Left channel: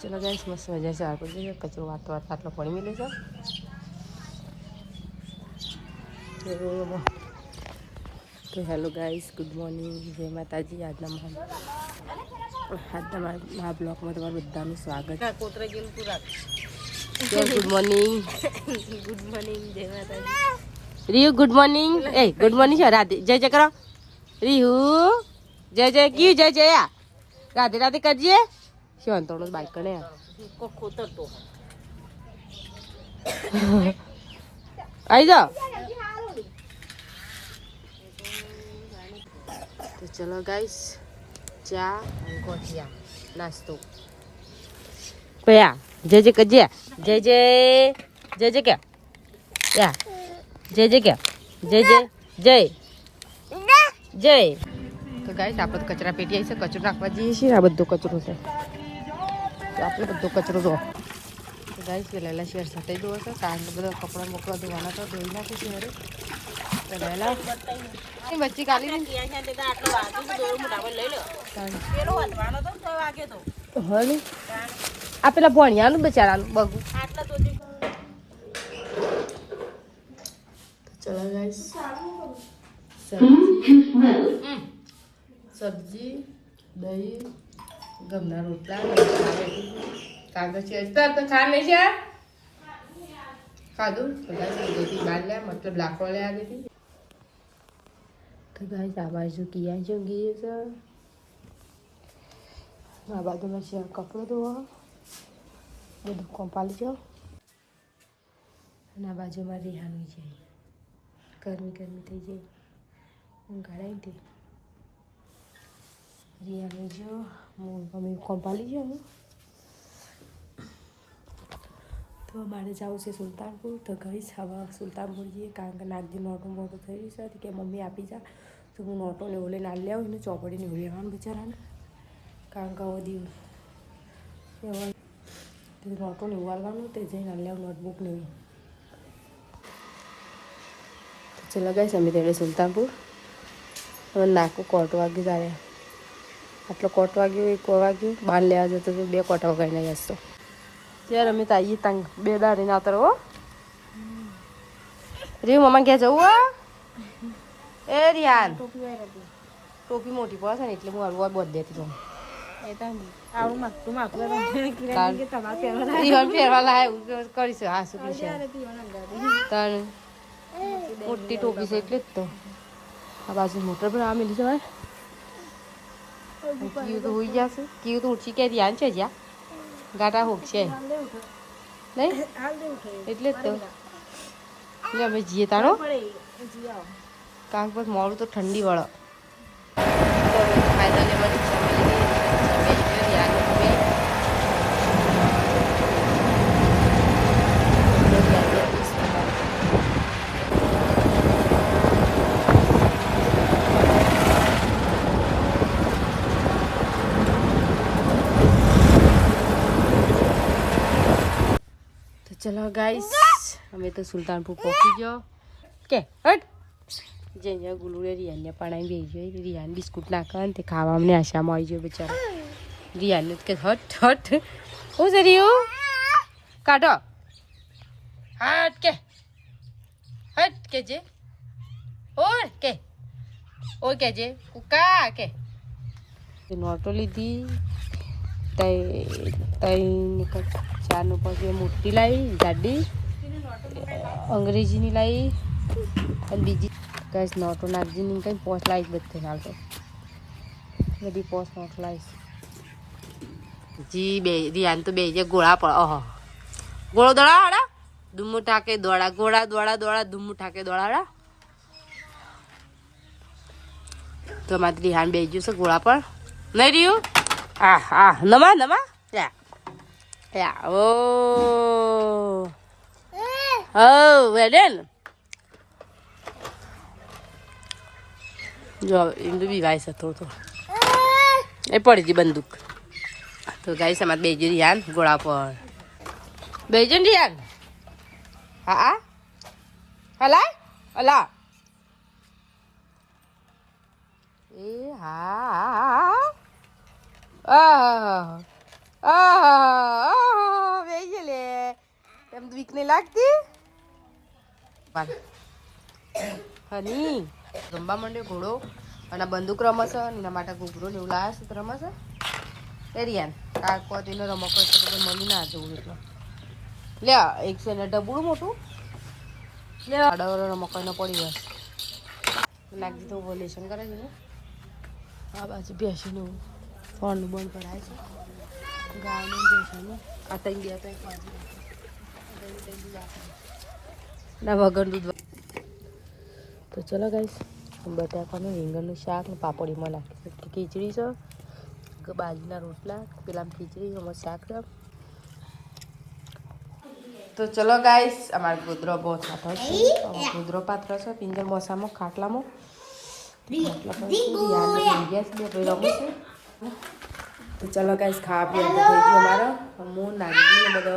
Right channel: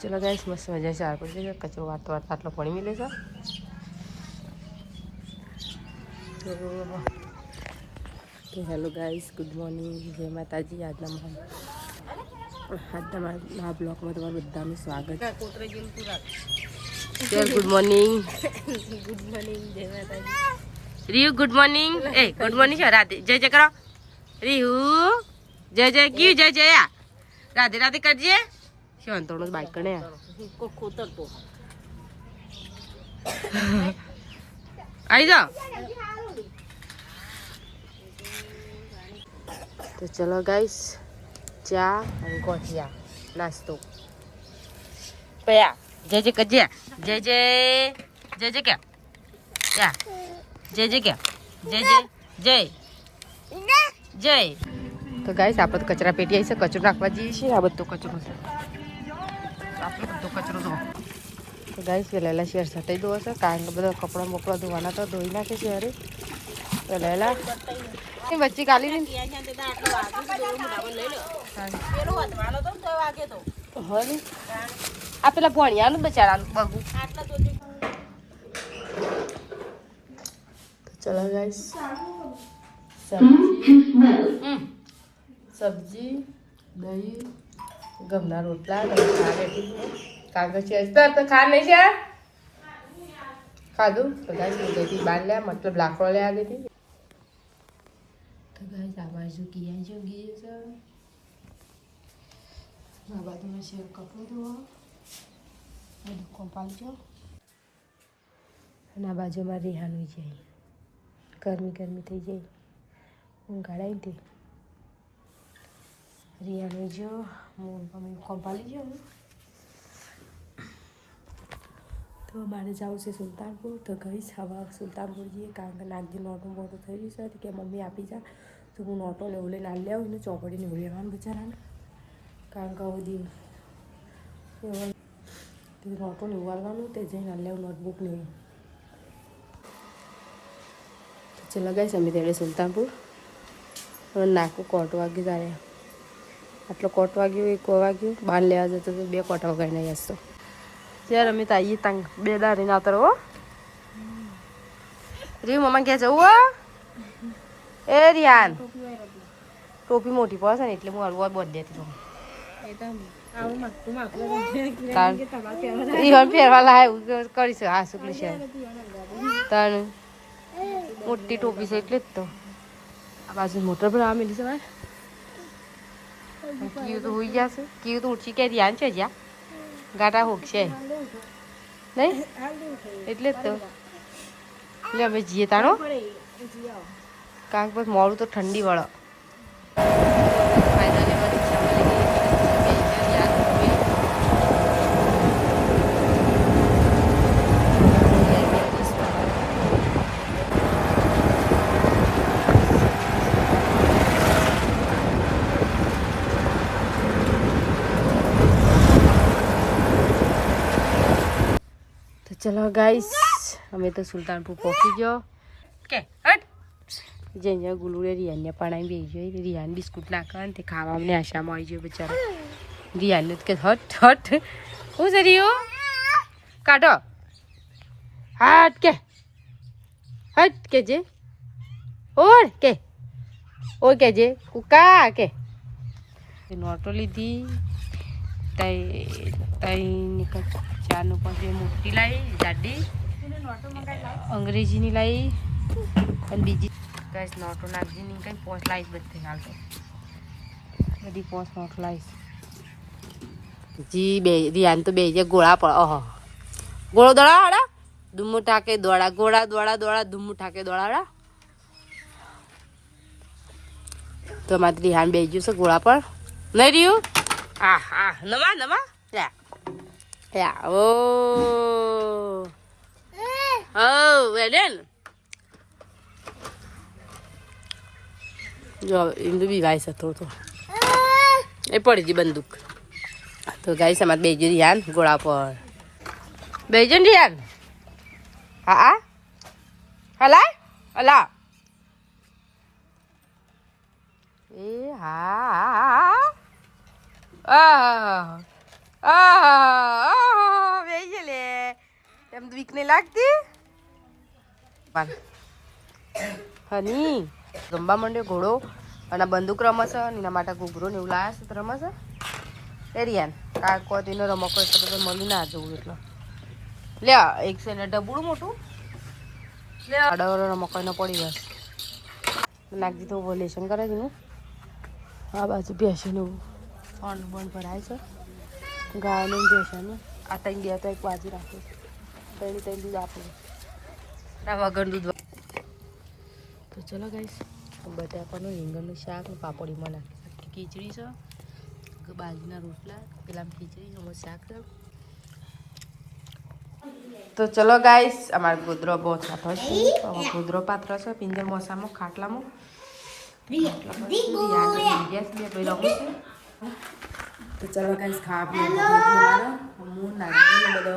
ચલો ગાઈસ મસ્ત મજા ચાર પડી જાય કચરો વાટતો આટલો પડી મિલે છે તો હેલો ગાઈસ ગુડ મોર્નિંગ જય માતાજી આજના મારા બ્લોગમાં તમારું બધાનું સ્વાગત છે ગુડ મોર્નિંગ જય માતાજી રીહુ ગુડ મોર્નિંગ એ ગુડ મોર્નિંગ છે રાધે જય જય કરો રીહુ જય જય ક્યુ જય જય રાધે રાધે કરજે શું અંતોનો બાઈક કણે આવી જાઓ તો ચલો ગાઈસ ચા અને કોઠિયા નાસ્તો કયા જય જય કરજે જય જય જય જય ક્યાં યા જય જય ક્યાં જય જય જય જય તો ગાઈસ આપણે કચરા પેટી આવી છે કચરો નાખવા જઈએ છીએ આ બધો કચરો છે તો આપણે બધો કચરો દો તો ગાઈસ પહેલાં શેર સાથે દો હશે કારણ કે બધા કપડાં મોકલા ધોવાના તો ધોઈ નાખે શેરે પહેલાં બચ્ચી કાલી ને આ પેલા ભણિયાનું બચારાનું બગું તો ચલો ગાઈસ સબ્જી દહીં ગમના રોટલા ખા બેઠી કાગળ છે તો ખા નહીં છે ખાધું તો ગાઈસ હું ગઈ બહાર લ્યા મતલબ લાકડો લેવા ગઈ હતી તો ગાઈસ આ બાજુ કિયા જો ગઈ છે આ બાજુમાં છે કપડો ધોવા બધું કોંપાલી જાઓ અને આ બાજુમાં રિહાનું જાય ગરમી થઈ જાય હું ગાડાઈ તે રિહાનું જો હું કોંપાલી જાઉં તો મારે જવું છે સુલતાનપુર તો ગઈ હવા સુલતાનપુર જઈએ કારણ કે નાગજી નોટો મોટો થઈ રહ્યું છે કે મમ્મી આપી જા તો હું નોટો ને ઓલે ના લે આવું ને ચોપડીને એવું લેવાનું બિચારાને કારણ કે હવે દિવસ નોટો ને ઉવાલવાનું તે જઈને લે નોટબુક ને તો ચલો ગાઈસ અમે તેડે સુલતાનપુર હવે નાકું કોટ વાગ્યું તારે આટલો કોટ વાગ્યો એક વાગ્યું બાર લેવા જતો તો 2 કોટા વગાડીને આવ્યા તો यार अमित आइए तंग बेदा रही ना उतरो री मम्मा क्या जाऊ ए रियान टोपी मोटी पास है એટલે હું હલવા બોધ દેતી તો એ તો આવું મસ્તું માકું રિહન પહેરવા લાય કરીશ હા સુકલી છે તન મોટી ટોપી છે એટલે જ તો આ બાજુ મોટર પર આ મિલી છે કીયું તો હોઈ ગયા છે કીયું તો ઉઠી કે રિયાન છે જ્યાં ગાટા હોકશે નહીં એટલે જ તો એટલે અમે જઈએ તારો કારણ કે મોડું તો ઠંડી વાળો ફાયદાને રિક્ષા મળી ગઈ चलो गाइस हमें तो सुल्तानपुर पहुंची गयो के हट जे गुलूरे रियान ने पाणी भेजो रियान बिस्कुट नाखन ते खावा हमने आशा में आई गयो बेचारा रियान ने के हट हट ओ सरियो काटो हट के जे और के जे उका के नोटो लीधी तई निकल ચારનું પછી મોટી લાવી જાડી અંગ્રેજીની લાવી અને બીજી ગાઈસ નોટો નાગજીની કંઈ પોસ લાવીશ બધે હાલ તો બધી પોસ નોટ લાવીશ જી બે રિયાન તો બે જે ગોળા પર ઓહો ગોળો દોડા હાડા ધુમ્મુ ઠાકે દોડા ગોળા દોડા ધુમ્મુ ઠાકે દોડા તો મારી રિહાન બે ગયું છે ગોળા પર નહીં રહ્યું આ નમા યા Yeah. Oh. Oh, well then. જો ઇન્દુ બી વાઈસ હતો તો એ પડી ગઈ બંદૂક તો ગાઈસ અમારે બેજો રિયાન ગોળા પર બેજો રિયાન હા હલા અલા એ હા વેઈ લે એમ વીક નહીં લાગતી હની ગંબા માંડ્યો ઘોડો અને બંદૂક રમશે અને એના માટે ઘૂઘરો ને એવું લાયા છે રમશે એ રિયાન કાકો તેનો રમકો એટલે મળી ના જવું એટલે લે એક છે ને ડબુડું મોટું આડવરો રમકો પડી જાય નાખી તો લેશન કરે છે એનું આ બાજુ બેસીને ફોન બંધ કરાય છે ગાયનું બેસવાનું આ ત્રણ બે તો એક બાજુ રાખે ત્રણ દૂધ આપે ના વગર દૂધ તો ચલો ગાઈસ બટાકાનું રીંગણનું શાક પાપડીમાં નાખી ખીચડી છે કે બાજુના રોટલા પેલા ખીચડી એમાં શાક છે તો ચલો ગાઈસ અમારો ગોદરો બહુ સાતો છે ગોદરો પાત્ર છે પિંજર મોસામાં ખાટલામાં તો ચલો ગાઈસ ખાવા પીવા અમારો હું નાની બધો